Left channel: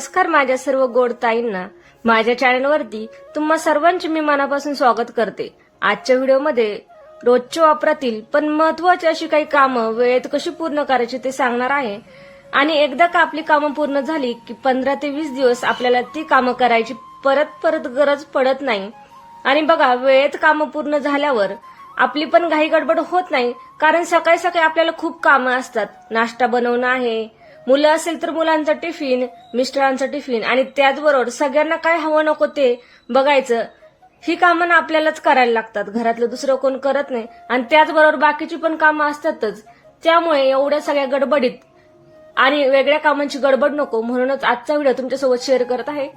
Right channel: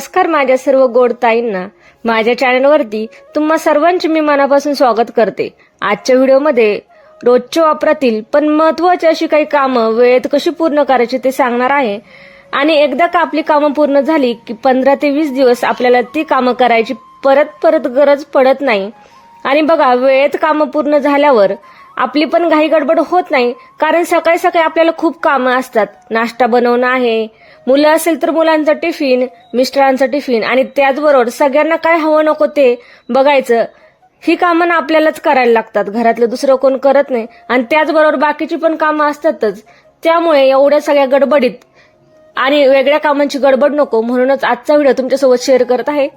नमस्कार माझ्या सर्व गोड ताईंना. माझ्या चॅनलवरती तुम्हा सर्वांचे मी मनापासून स्वागत करते. आजच्या व्हिडिओमध्ये रोजच्या वापरातील पण महत्वाची अशी काही कामं वेळेत कशी पूर्ण करायची ते सांगणार आहे. आणि एकदा का आपली कामं पूर्ण झाली की पंधरा ते वीस दिवस आपल्याला ती कामं करायची परत परत गरज पडत नाही. आणि बघा वेळेत कामं पूर्ण झाल्यावर आपली पण घाई गडबड होत नाही. कारण सकाळी सकाळी आपल्याला खूप कामं असतात. नाश्ता बनवणं आहे मुलं असेल तर मुलांचा टिफिन मिस्टरांचा टिफिन आणि त्याचबरोबर सगळ्यांना काय हवं नको ते बघायचं. ही कामं ना आपल्यालाच करायला लागतात. घरातलं दुसरं कोण करत नाही. आणि त्याचबरोबर बाकीची पण कामं असतातच. त्यामुळे एवढ्या सगळ्या गडबडीत आणि वेगळ्या कामांची गडबड नको. म्हणूनच आजचा व्हिडिओ तुमच्यासोबत शेअर करत आहे.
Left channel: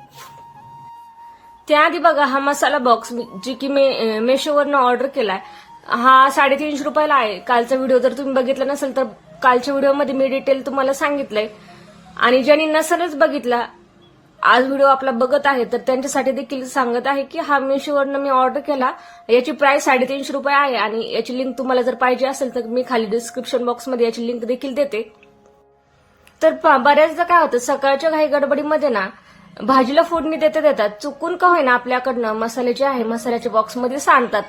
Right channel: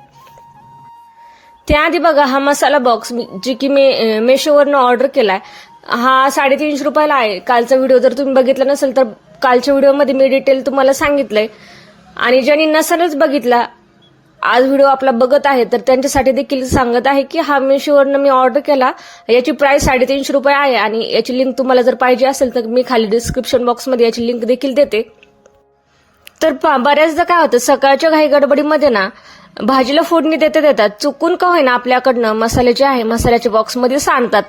त्याआधी बघा हा मसाला बॉक्स जी की मी मेशोवरनं ऑर्डर केलाय. हा साडेतीनशे रुपयाला आहे. कालचा व्हिडिओ जर तुम्ही बघितला नसेल तर कालच्या व्हिडिओमध्ये मी डिटेल तुम्हाला सांगितलंय. आणि ज्यांनी नसेलच बघितला आज व्हिडिओ आपला बघत आहे तर त्यांच्यासाठी देखील सांगत आहे की हा मेशोवरनं मी ऑर्डर केला. याची प्राइस साडेतीनशे रुपये आहे आणि याची लिंक तुम्हाला जर पाहिजे असेल तर मी खाली डिस्क्रिप्शन बॉक्समध्ये याची लिंक देखील देते. तर पहा, बऱ्याचदा काय होतं सकाळच्या घाई गडबडीमध्ये ना भाजीला फोडणी देते देतात चुकून का होईना आपल्याकडनं मसाले जे आहे मसाल्याच्या बॉक्समध्ये सांडतात.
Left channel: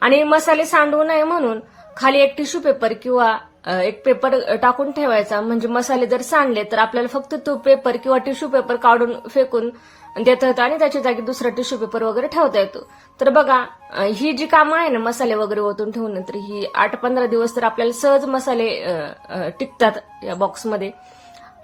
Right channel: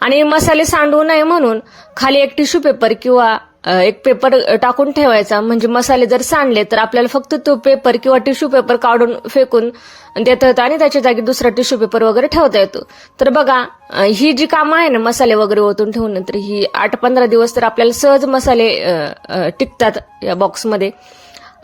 आणि मसाले सांडू नये म्हणून खाली एक टिश्यू पेपर किंवा एक पेपर टाकून ठेवायचा. म्हणजे मसाले जर सांडले तर आपल्याला फक्त तो पेपर किंवा टिश्यू पेपर काढून फेकून देता येतं आणि त्याच्या जागी दुसरा टिश्यू पेपर वगैरे ठेवता येतो. तर बघा ही जी कामं आहे ना मसाले वगैरे ओतून ठेवून तर ही आठ पंधरा दिवस तर आपल्याला सहज मसाले टिकतात या बॉक्समध्ये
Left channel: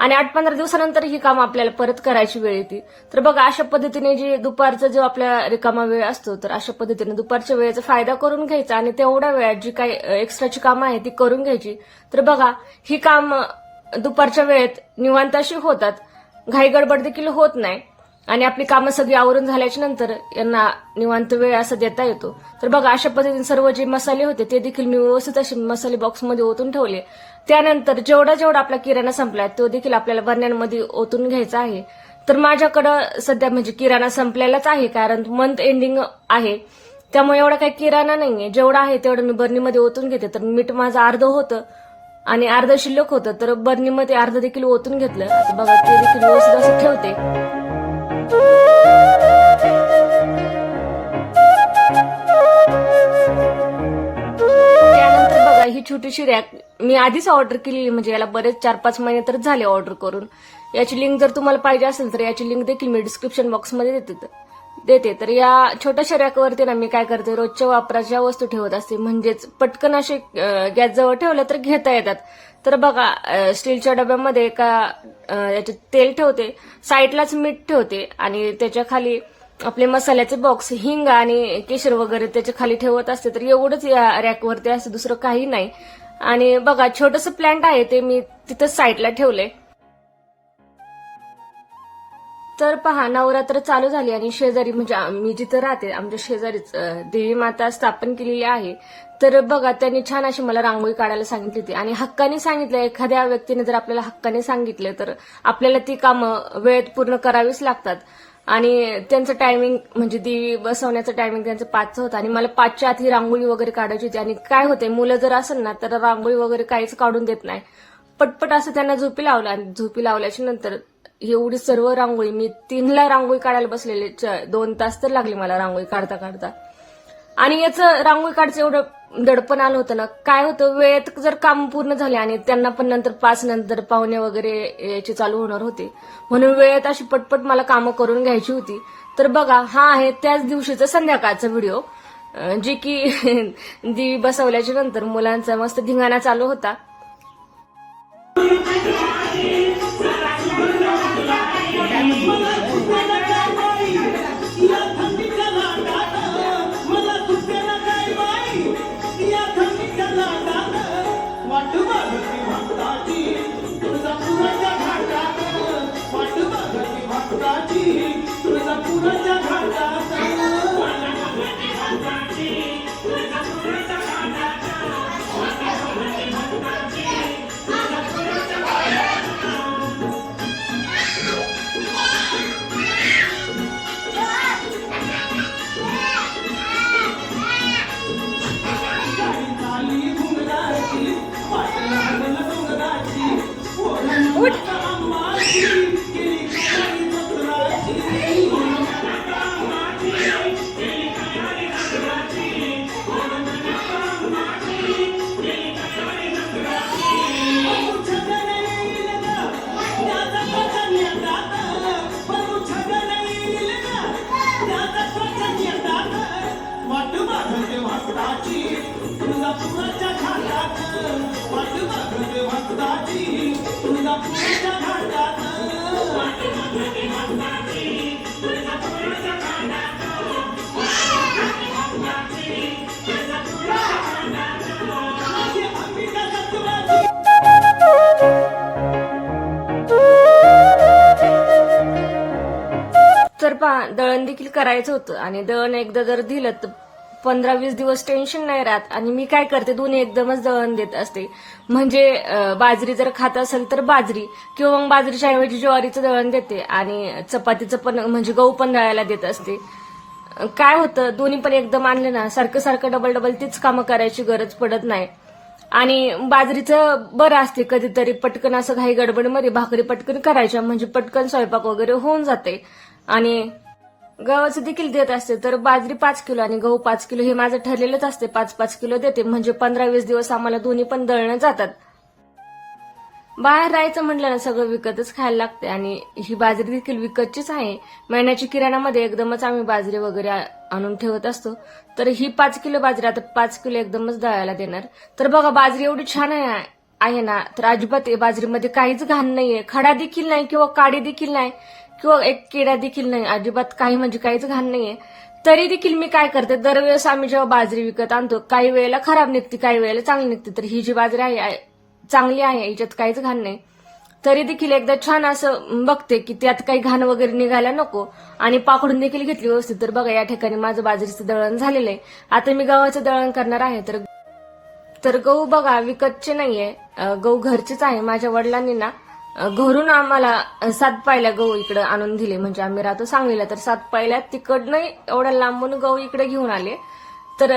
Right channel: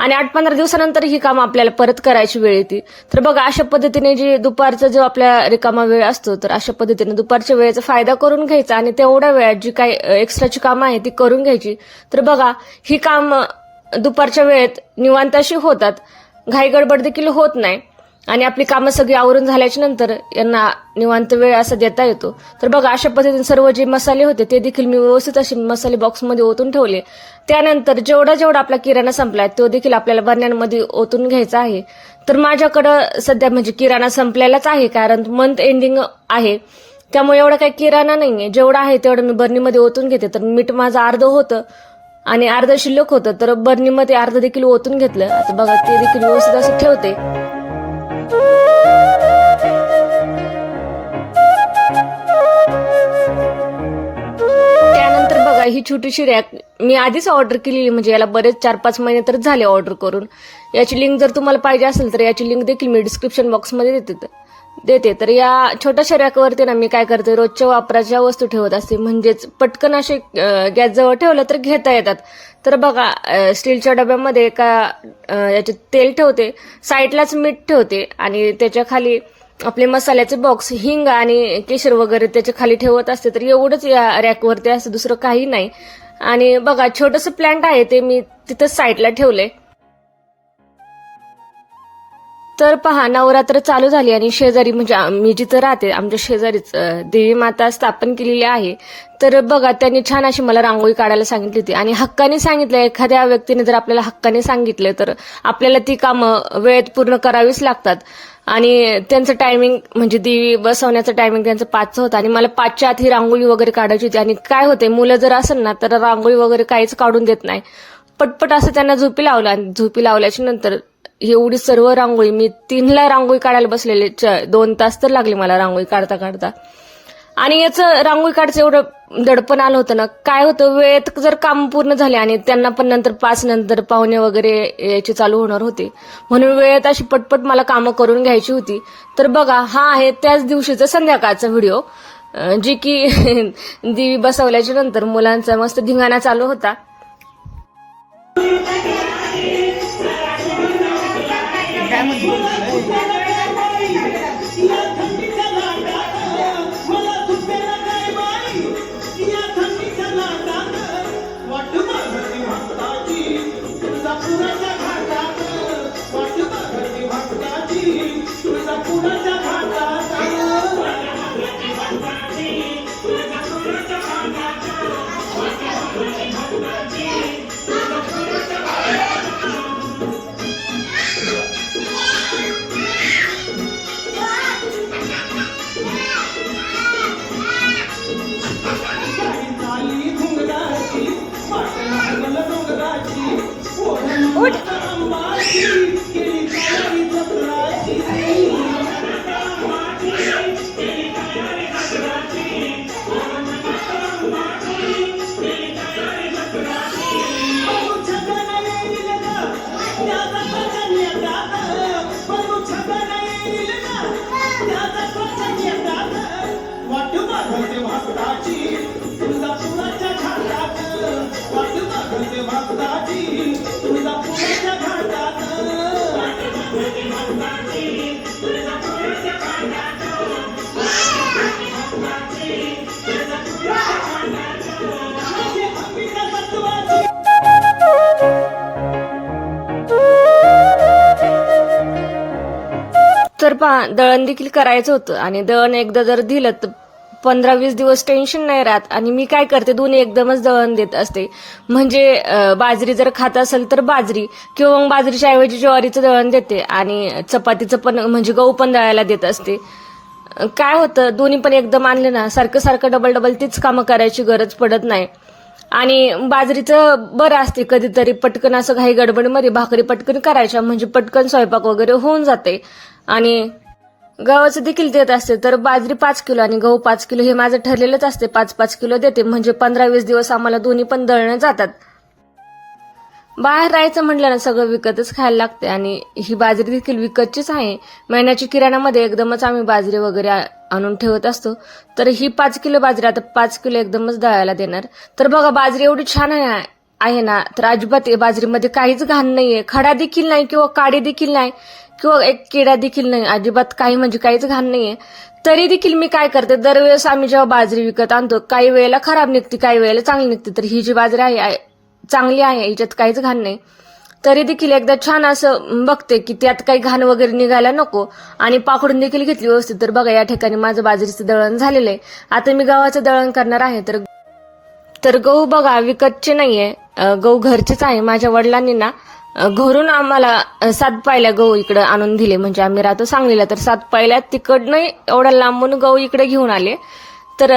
आणि आठ पंधरा दिवसानंतर ही कामं आपल्याला परत करायची वेळ येते. तर बघा अशा पद्धतीने जी दुपारचा जो आपल्या रिकामा वेळ असतो तर अशा पद्धतीने दुपारच्या वेळेचा फायदा करून घ्यायचा आणि तेवढ्या वेळात जी काही एक्स्ट्राची कामं आहे ती करून घ्यायची. तर बघा ही कामं दुपारच्या वेळेत निवांत अशी होतात. घाई गडबड देखील होत नाही. आणि आपली कामं सगळी आवरून झाल्याच्यानंतर यांना निवांत वेळ असा देता येतो. तर बघा अशा पद्धतीने सर्व जे मसाले होते ते देखील मी व्यवस्थित असे मसाले बॉक्समध्ये ओतून ठेवले. त्यानंतर जेवढा जेवढा आपला किराणा संपलाय तो देखील आपल्याला बरण्यांमध्ये ओतून घ्यायचा आहे. तर माझ्याकडं सध्या म्हणजे किराणा संपलेलाच आहे कारण मंथ एंडिंग आहे. त्यामुळे एवढा काही किराणा नाहीये. जेवढा आहे तेवढं मी बर्नीमध्ये ओतून घेते. तर मीठ माझं अर्ध होतं आणि अर्ध शिल्लक होतं. तर बर्नीमध्ये अर्ध देखील ओतून घेतलं. बघा ते देखील व्यवस्थित असं ठेवते. ही छोटीशी रॅक मी आधीच ऑर्डर केलेली म्हणजे याला बरेच चार पाच महिने तर झाले ऑर्डर करून. याची लिंक जर तुम्हाला पाहिजे असेल तर याची लिंक देखील मी डिस्क्रिप्शन बॉक्समध्ये देते. देते. तर या छोट्याशा रॅकवरती ना मी काय करते रोजच्या वापराच्या वस्तू ठेवत असते. म्हणजेच पटकन असे गॅस जवळ ठेवलं तर घेता येतात. तर बघा स्टीलच्या डब्यामध्ये का याचे तेल ठेवते साईडलाच मीठ ठेवते आणि त्याच्याखाली आपले मसाल्याचे बॉक्स हिंग आणि केशर वगैरे त्याच्याखाली ठेवत असते तर एवढंच या रॅकवरती असं दुसरं काही नाही. आणि बघा छोटस प्लांट आहे ते मी तिथं साईडला ठेवलंय. तर पहा नवरात्र चालू झाली आणि शेजारी म्हणजे मी जिथं राहते आमच्या शेजारीच देवी माता स्थापन केलेली आहे. तर बघा त्यांनी छान अशी मला रांगोळी काढायला सांगितली होती. आणि हक्काने सांगितलं एखाद्या व्यक्तीने जर आपल्याला हक्काने सांगितलं तर आपल्याला ती कामं वेळेत पूर्ण करावीच लागतात. आणि त्यांचं टायमिंग म्हणजे देवी बसवण्याचं टायमिंग त्यांचं पाचचं होतं. आणि मला पाचच्या आत ही रांगोळी वगैरे काढायची होती. आणि काय होते मुलं जर असेल ना तर रांगोळी वगैरे काहीच काढून देत नाही. पटपट असं त्यांना झोपी लावलं. आणि झोपी लावल्याच्या नंतर एवढी सर्व रांगोळी मी तीनला रांगोळी काढायला बसलेले. च- दोन तास तर लागले मला रांगोळी काढता काढता. आणि याचं रांगोळी काढचं एवढं दडपण आलं होतं ना काय होतं वेळेत जर काम पूर्ण झाले आणि त्यांना पण नंतर पाच नंतर पाहुणे वगैरे याचे चालू होणार होते म्हणून वेळेत अशी पटपट मला कामं करून घ्यायची होती. तर बघा हा आहे त्याच दिवशीचा संध्याकाळचा व्हिडिओ जे की देवी बसवल्याच्या नंतर मुलांचा मस्त धिंगाणा चालू होता. दळण देखील करायचं होतं. आणि दळण एकदा जर दिलं तर पंधरा वीस दिवस टेन्शन नाही राहत. आणि मी काय करते दोन्ही एकदमच दळण देत असते. म्हणजे बाजरी जर खात असेल तर बाजरी किंवा मग बाजरीच्या ऐवजी ज्वारीचं दळण देते. आणि चपातीचं पण म्हणजे गहू पण दळायला देत असते. काय होतं दोन्ही पण एकदम आणले ना सारखं सारखं डबल डबल तीच कामं करायची गरज पडत नाही. आणि बाजरीचं बरं असते कधीतरी पटकन असं काही गडबडमध्ये भाकरी पटकन करायच्या म्हणजे पटकन स्वयंपाक वगैरे होऊन जाते. आणि गव्हाचं देखील देत असते तर बाजरी पाच किलो आणि गहू पाच किलो हे माझं ठरलेलंच असते पाच पाच किलो देते. म्हणजे पंधरा वीस दिवस आम्हाला दोन्ही पण दळणं जातात. बाहेर राहायचं म्हटलं ना सगळं विकतच खायला लागते आणि ही बाजरी देखील विकतचीच आहे. महिन्याची किराणामध्ये एकदमच आम्ही बाजरी वगैरे आणून ठेवत असतो. तर ही पाच किलो बाजरी आता पाच किलो एकदमच दळायला देणार. तर बघा बाजरी एवढी छान आहे आहे ना. तर अजिबात बाजरीमध्ये काहीच घाण नाहीये. खडा देखील नाही किंवा काडी देखील नाही किंवा एक किडा देखील नाही. अजिबात काही म्हणजे काहीच घाण नाहीये. तरी देखील मी काय करते दरवेळेस आम्ही जेव्हा बाजरी विकत आणतो काही वेळेला खराब निघते काही वेळेला चांगली निघते. तर ही जी बाजरी आहे- चांगली आहे याच्यात काहीच घाण नाही. तरी देखील एकदा छान असं बघते की त्यात काही घाण वगैरे निघायला नको. आणि पाकडून देखील घेतली व्यवस्थित. तर बघा या ठिकाणी माझं बाजरीचं दळण झालेलं आहे. आता मी गव्हाचं दळण करणार आहे. तर तर गहू बघा विकतचे नाहीये. आहे गहू घरचेच आहे. माझ्या वडिलांनी ना घरून आम्हाला सात पायल्या गहू इकडे आणून दिले. म्हणजे आम्ही राहतो सांगलीला. तर सात पायल्या तिकडनं एवढ्या लांबून गहू इकडे घेऊन आले. तर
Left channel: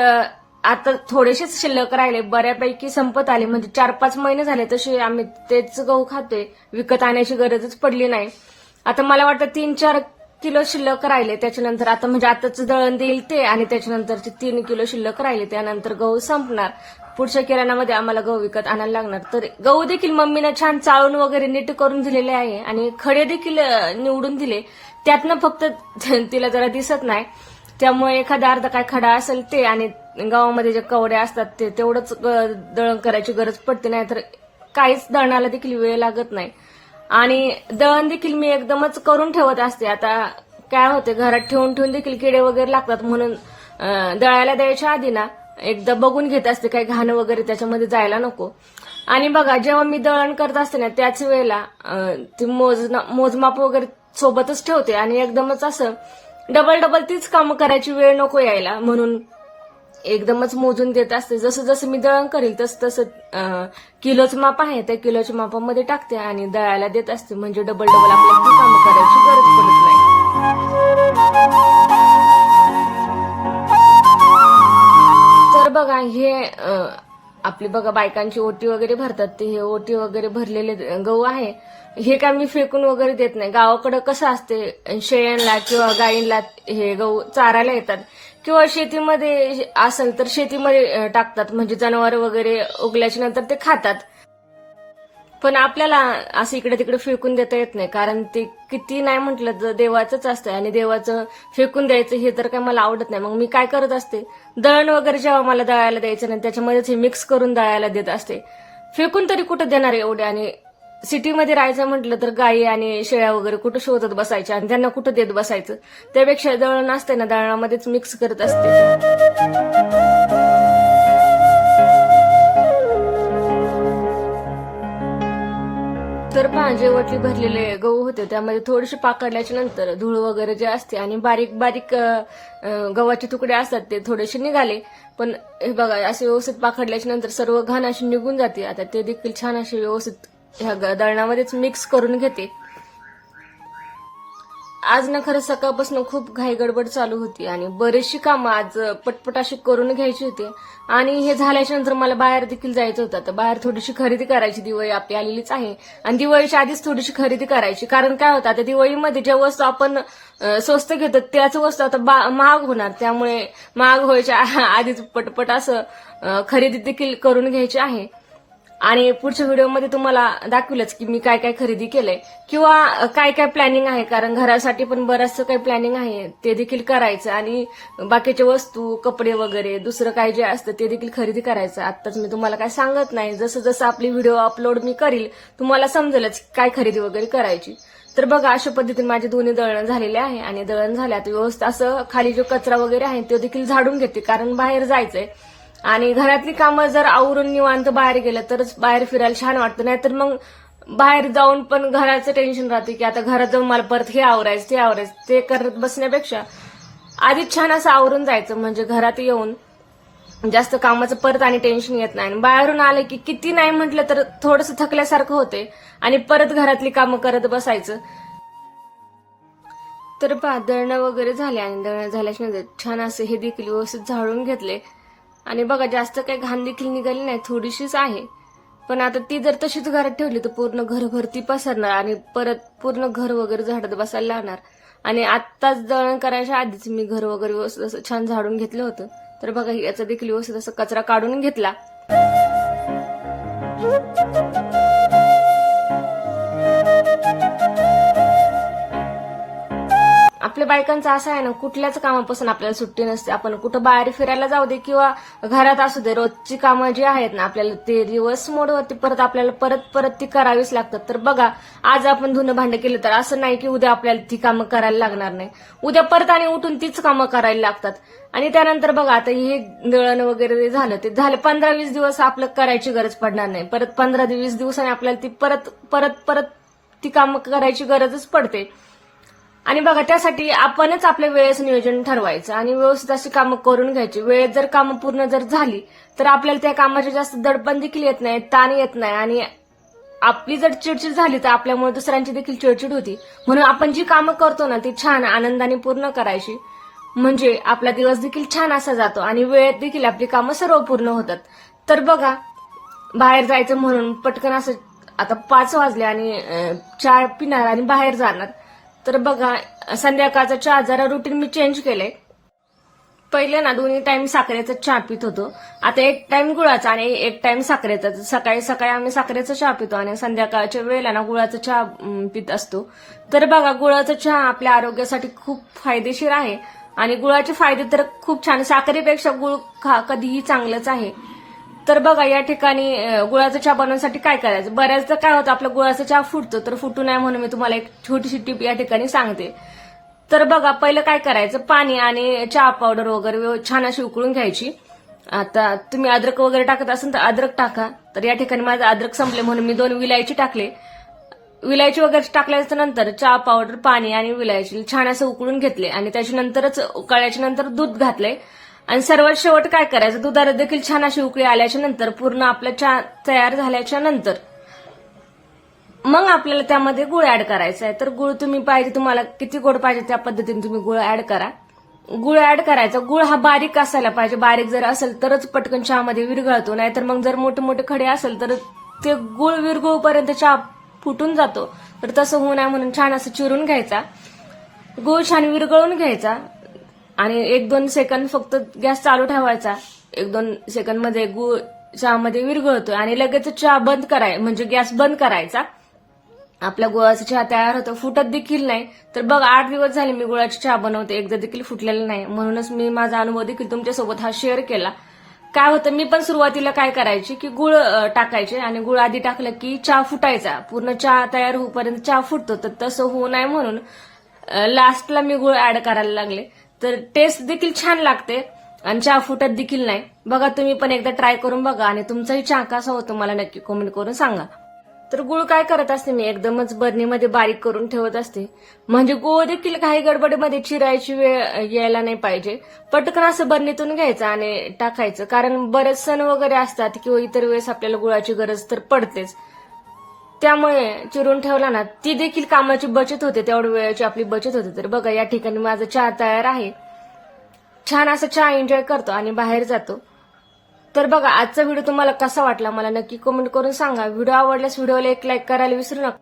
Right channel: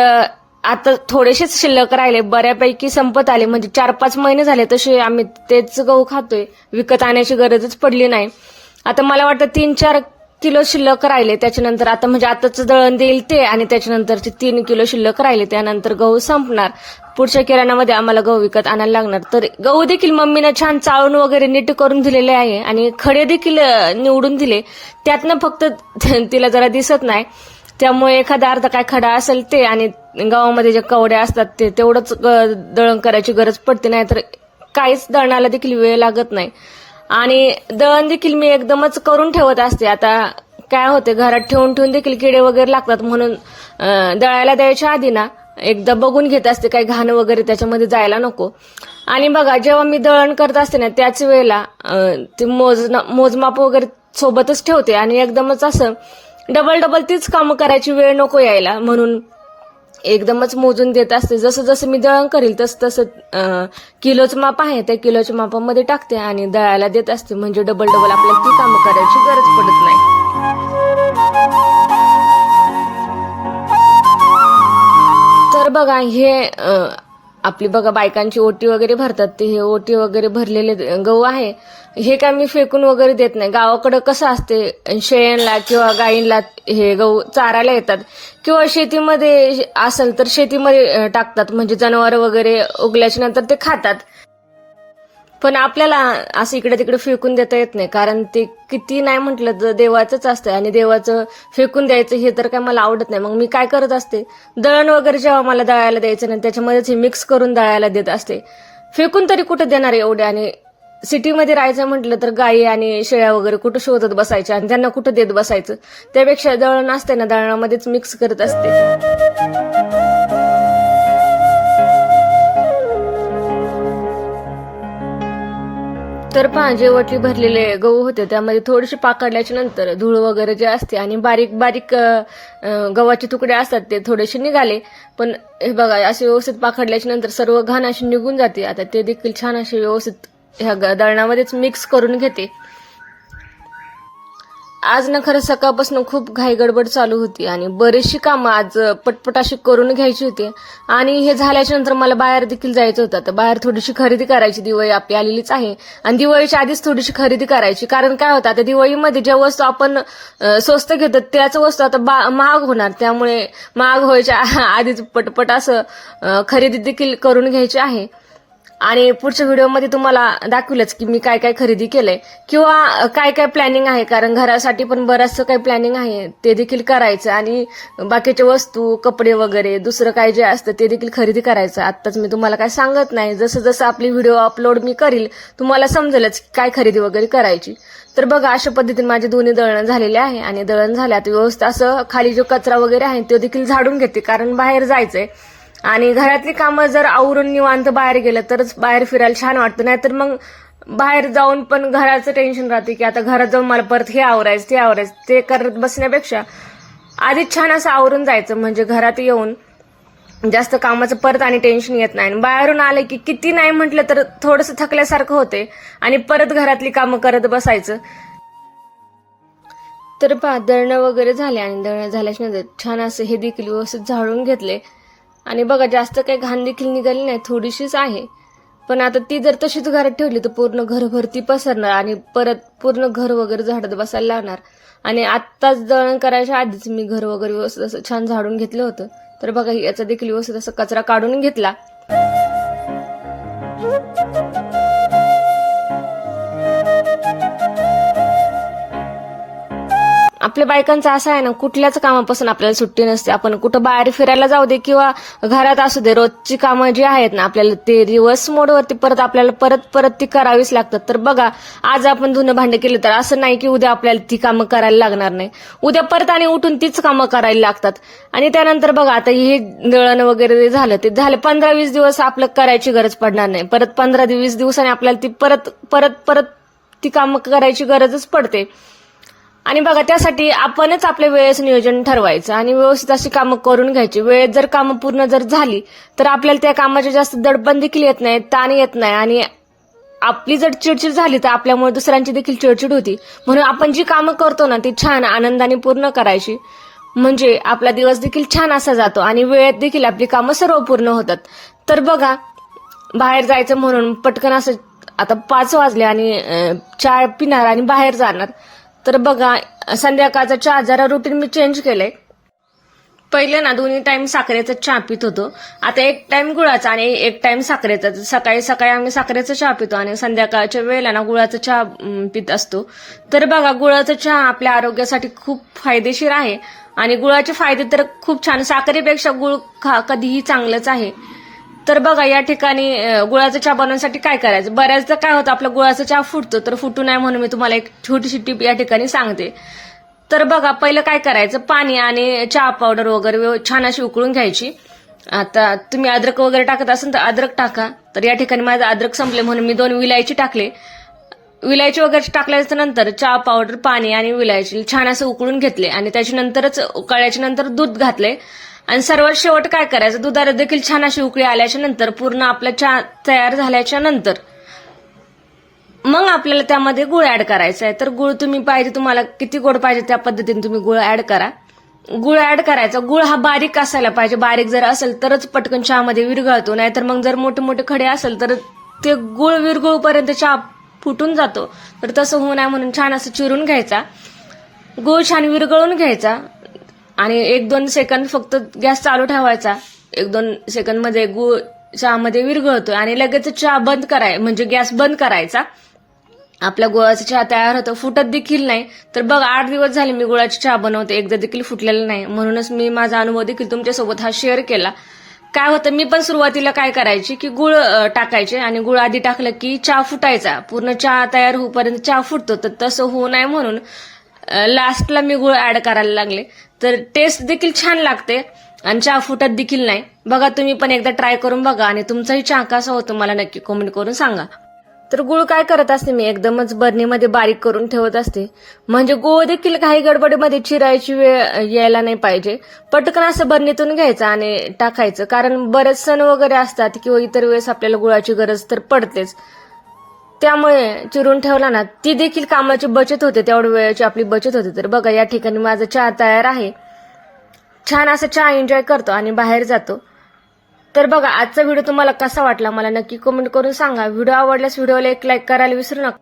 आता थोडेसेच शिल्लक राहिले बऱ्यापैकी संपत आले. म्हणजे चार पाच महिने झाले तसे आम्ही तेच गहू खातोय. विकत आणण्याची गरजच पडली नाही. आता मला वाटतं तीन चार किलो शिल्लक राहिले. त्याच्यानंतर आता म्हणजे आताच दळण देईल ते आणि त्याच्यानंतरचे तीन किलो शिल्लक राहिले. त्यानंतर गहू संपणार. पुढच्या किराणामध्ये आम्हाला गहू विकत आणायला लागणार. तर गहू देखील मम्मीनं छान चाळून वगैरे नीट करून दिलेले आहे आणि खडे देखील निवडून दिले. त्यातनं फक्त तिला जरा दिसत नाही. त्यामुळे एखादा अर्धा काय खडा असेल ते आणि गावामध्ये जे कवड्या असतात ते तेवढंच दळण करायची गरज पडते नाही तर काहीच दळणाला देखील वेळ लागत नाही. आणि दळण देखील मी एकदमच करून ठेवत असते. आता काय होते घरात ठेवून ठेवून देखील किडे वगैरे लागतात म्हणून दळायला द्यायच्या आधी ना एकदा बघून घेत असते काही घाण वगैरे त्याच्यामध्ये जायला नको. आणि बघा जेव्हा मी दळण करत असते ना त्याच वेळेला ती ते मोज मोजमाप वगैरे सोबतच ठेवते. आणि एकदमच असं डबल डबल तीच कामं करायची वेळ नको यायला. म्हणून एकदमच मोजून देत असते. जसं जसं मी दळण करील तसं तसं किलोच किलोचं माप आहे त्या किलोच्या मापामध्ये टाकते आणि दळायला देत असते. म्हणजे डबल डबल आपल्याला ती कामं करायची गरज पडत नाही. तर बघा हे आपली बघा बायकांची ओटी वगैरे भरतात ते हे ओटी वगैरे भरलेले गहू आहे हे काय मी फेकून वगैरे देत नाही. गावाकडं कसं असते शेळ्यांना किंवा गायींला हे गहू चारायला येतात किंवा शेतीमध्ये असेल तर शेतीमध्ये टाकतात. म्हणजे जनावर वगैरे उगल्याच्या नंतर ते खातात. पण आपल्याला असं इकडे तिकडे फेकून देता येत नाही कारण ते किती नाही म्हटलं तर देवाचंच असतं आणि देवाचं फेकून द्यायचं हे तर काय मला आवडत नाही. मग मी काय करत असते? दळण वगैरे जेव्हा मला दळायला द्यायचं नाही त्याच्यामध्येच हे मिक्स करून दळायला देत असते. फेकून तरी कुठं देणार एवढे? आणि सिटीमध्ये राहायचं म्हटलं तर गायी आणि शेळ्या वगैरे कुठं शोधत बसायच्या आणि त्यांना कुठं देत बसायचं? त्यापेक्षा दळण असते ना दळणामध्येच मिक्स करत असते. तर पांजे जे भरलेले गहू होते. त्यामध्ये थोडेसे पाकडल्याच्या नंतर धूळ वगैरे जे असते आणि बारीक बारीक गव्हाचे तुकडे असतात ते थोडेसे निघाले. पण हे बघा असे व्यवस्थित पाकडल्याच्या नंतर सर्व घाण अशी निघून जाते. आता ते देखील छान असे व्यवस्थित ह्या ग- दळणामध्येच मिक्स करून घेते. आज ना खरं सकाळपासून खूप घाईगडबड चालू होती आणि बरीचशी कामं आज पटपट अशी करून घ्यायची होती. आणि हे झाल्याच्यानंतर मला बाहेर देखील जायचं होतं. तर बाहेर थोडीशी खरेदी करायची दिवाळी आपली आलेलीच आहे. आणि दिवाळीच्या आधीच थोडीशी खरेदी करायची. कारण काय होतं आता दिवाळीमध्ये ज्या वस्तू आपण स्वस्त घेतो त्याच वस्तू आता बा- महाग होणार. त्यामुळे महाग व्हायच्या आधीच पटपट असं खरेदी देखील करून घ्यायची आहे. आणि पुढच्या व्हिडिओमध्ये तुम्हाला दाखवलंच की मी काय काय खरेदी केलंय. किंवा काय काय प्लॅनिंग आहे? कारण घरासाठी पण बरंचसं काही प्लॅनिंग आहे. ते देखील करायचं. आणि बाकीच्या वस्तू कपडे वगैरे दुसरं काय जे असतं ते देखील खरेदी करायचं. आत्ताच मी तुम्हाला काय सांगत नाही. जसं जसं आपली व्हिडिओ अपलोड मी करील तुम्हाला समजेलच काय खरेदी वगैरे करायची. तर बघा अशा पद्धतीने माझे दोन्ही दळण झालेले आहे. आणि दळण झाल्यात व्यवस्थित असं खाली जो कचरा वगैरे आहे तो देखील झाडून घेते. कारण बाहेर जायचंय. आणि घरातली कामं जर आवरून निवांत बाहेर गेलं तरच बाहेर फिरायला छान वाटतं. नाहीतर मग बाहेर जाऊन पण घराचं टेन्शन राहते की आता घरात जाऊन मला परत हे आवरायचं ते आवरायचं ते करत बसण्यापेक्षा आधीच छान असं आवरून जायचं. म्हणजे घरात येऊन जास्त कामाचं परत आणि टेन्शन येत नाही. आणि बाहेरून आलं की किती नाही म्हटलं तर थोडंसं थकल्यासारखं होते. आणि परत घरातली कामं करत बसायचं. तर पहा दळणं वगैरे झाले आणि दळणं झाल्याच्यानंतर छान असं हे देखील व्यवस्थित झाडून घेतले. आणि बघा जास्त काही घाण देखील निघाली नाही थोडीशीच आहे. पण आता ती जर तशीच घरात ठेवली तर पूर्ण घरभर ती पसरणार आणि परत पूर्ण घर वगैरे झाडत बसायला लागणार. आणि आत्ताच दळण करायच्या आधीच मी घर वगैरे व्यवस्थित असं छान झाडून घेतलं होतं. तर बघा याचा देखील व्यवस्थित असं कचरा काढून घेतला. आपल्या बायकांचं असं आहे ना कुठल्याच कामापासून आपल्याला सुट्टी नसते. आपण कुठं बाहेर फिरायला जाऊ दे किंवा घरात असू दे रोजची कामं जी आहेत ना आपल्याला ते रिवर्स मोडवरती परत आपल्याला परत परत ती करावीच लागतात. तर बघा आज आपण धुणं भांडे केलं तर असं नाही की उद्या आपल्याला ती कामं करायला लागणार नाही. उद्या परत आणि उठून तीच कामं करायला लागतात. आणि त्यानंतर बघा आता हे दळण वगैरे झालं ते झालं पंधरा वीस दिवस आपलं करायची गरज पडणार नाही. परत पंधरा वीस दिवसांनी आपल्याला ती परत परत परत ती कामं करायची गरजच पडते. आणि बघा त्यासाठी आपणच आपल्या वेळेचं नियोजन ठरवायचं आणि व्यवस्थित अशी कामं करून घ्यायची. वेळेत जर कामं पूर्ण जर झाली तर आपल्याला त्या कामाची जास्त दडपण देखील येत नाही ताण येत नाही आणि आपली जर चिडचिड झाली तर आपल्यामुळे दुसऱ्यांची देखील चिडचिड होती. म्हणून आपण जी कामं करतो ना ती छान आनंदाने पूर्ण करायची. म्हणजे आपला दिवस देखील छान असा जातो आणि वेळेत देखील आपली कामं सर्व पूर्ण होतात. तर बघा बाहेर जायचं म्हणून पटकन असं आता पाच वाजले आणि चाय चहा पिणार आणि बाहेर जाणार. तर बघा संध्याकाळचा चहा जरा रुटीन मी चेंज केलंय. पहिले ना दोन्ही टाइम साखरेचा चहा पित होतो. आता एक टाइम गुळाचा आणि एक टाइम साखरेचा. सकाळी सकाळी आम्ही साखरेचा चहा पितो आणि संध्याकाळच्या वेळेला ना गुळाचा चहा पित असतो. तर बघा गुळाचा चहा आपल्या आरोग्यासाठी खूप फायदेशीर आहे. आणि गुळाचे फायदे तर खूप छान. साखरेपेक्षा गुळ खा कधीही चांगलंच आहे. तर बघा या ठिकाणी गुळाचा चहा बनवण्यासाठी काय करायचं? बऱ्याचदा काय होतं आपला गुळाचा चहा फुटतो तर फुटू नये म्हणून मी तुम्हाला एक छोटीशी टीप या ठिकाणी सांगते. तर बघा पहिलं काय करायचं? पाणी आणि चहा पावडर वगैरे छान अशी उकळून घ्यायची. आता तुम्ही अद्रक वगैरे टाकत असाल तर अद्रक टाका. तर या ठिकाणी माझं अद्रक संपले म्हणून मी दोन विलायची टाकले. विलायची वगैरे टाकल्याच्या नंतर चहा पावडर पाणी आणि विलायची छान असं उकळून घेतले आणि त्याच्यानंतरच उकळल्याच्या नंतर दूध घातले. आणि सर्वात शेवट काय करायचं? दुधाला देखील छान अशी उकळी आल्याच्यानंतर पूर्ण आपला चहा तयार झाल्याच्यानंतर मग आपल्याला त्यामध्ये गुळ ऍड करायचा आहे. तर गुळ तुम्ही पाहिजे तुम्हाला किती गोड पाहिजे त्या पद्धतीने तुम्ही गुळ ऍड करा. गुळ ऍड करायचा. गुळ हा बारीक असायला पाहिजे. बारीक जर असेल तरच पटकन चहामध्ये विरघळतो. नाहीतर मग जर मोठे मोठे खडे असेल तर ते गुळ विरघळूपर्यंत चहा फुटून जातो. तर तसं होऊ नये म्हणून छान असं चिरून घ्यायचा. गुळ छान विरघळून घ्यायचा. आणि एक दोन सेकंद फक्त गॅस चालू ठेवायचा. एक दोन सेकंदमध्ये गुळ चहामध्ये विरघळतोय. आणि लगेच चहा बंद कराय म्हणजे गॅस बंद करायचा. आपल्या गुळाचा चहा तयार होतो. फुटत देखील नाही. तर बघ आठ दिवस झाले मी गुळाची चहा बनवते. एकदा देखील फुटलेला नाही. म्हणूनच मी माझा अनुभव देखील तुमच्यासोबत हा शेअर केला. काय होतं मी पण सुरुवातीला काय करायची की गुळ टाकायचे. आणि गुळ आधी टाकलं की चहा फुटायचा. पूर्ण चहा तयार होईपर्यंत चहा फुटतो. तर तसं होऊ नये म्हणून लास्टला मी गुळ ऍड करायला लागले. तर टेस्ट देखील छान लागते. आणि चहा फुटत देखील नाही. बघा तुम्ही पण एकदा ट्राय करून बघा आणि तुमचाही चहा कसा होतो मला नक्की कमेंट करून सांगा. तर गुळ काय करत असते मी? एकदमच बरणीमध्ये बारीक करून ठेवत असते. म्हणजे गुळ देखील काही गडबडीमध्ये चिरायची वेळ यायला नाही पाहिजे. पटकन असं बरणीतून घ्यायचं आणि टाकायचं. कारण बरेच सण वगैरे असतात किंवा इतर वेळेस आपल्याला गुळाची गरज तर पडतेच. त्यामुळे चिरून ठेवला ना ती देखील कामाची बचत होते तेवढ्या वेळेची आपली बचत होते. तर बघा या ठिकाणी माझा चहा तयार आहे. छान असा चहा एन्जॉय करतो आणि बाहेर जातो. तर बघा आजचा व्हिडिओ तुम्हाला कसा वाटला? मला नक्की कमेंट करून सांगा. व्हिडिओ आवडल्यास व्हिडिओला एक लाईक करायला विसरू नका.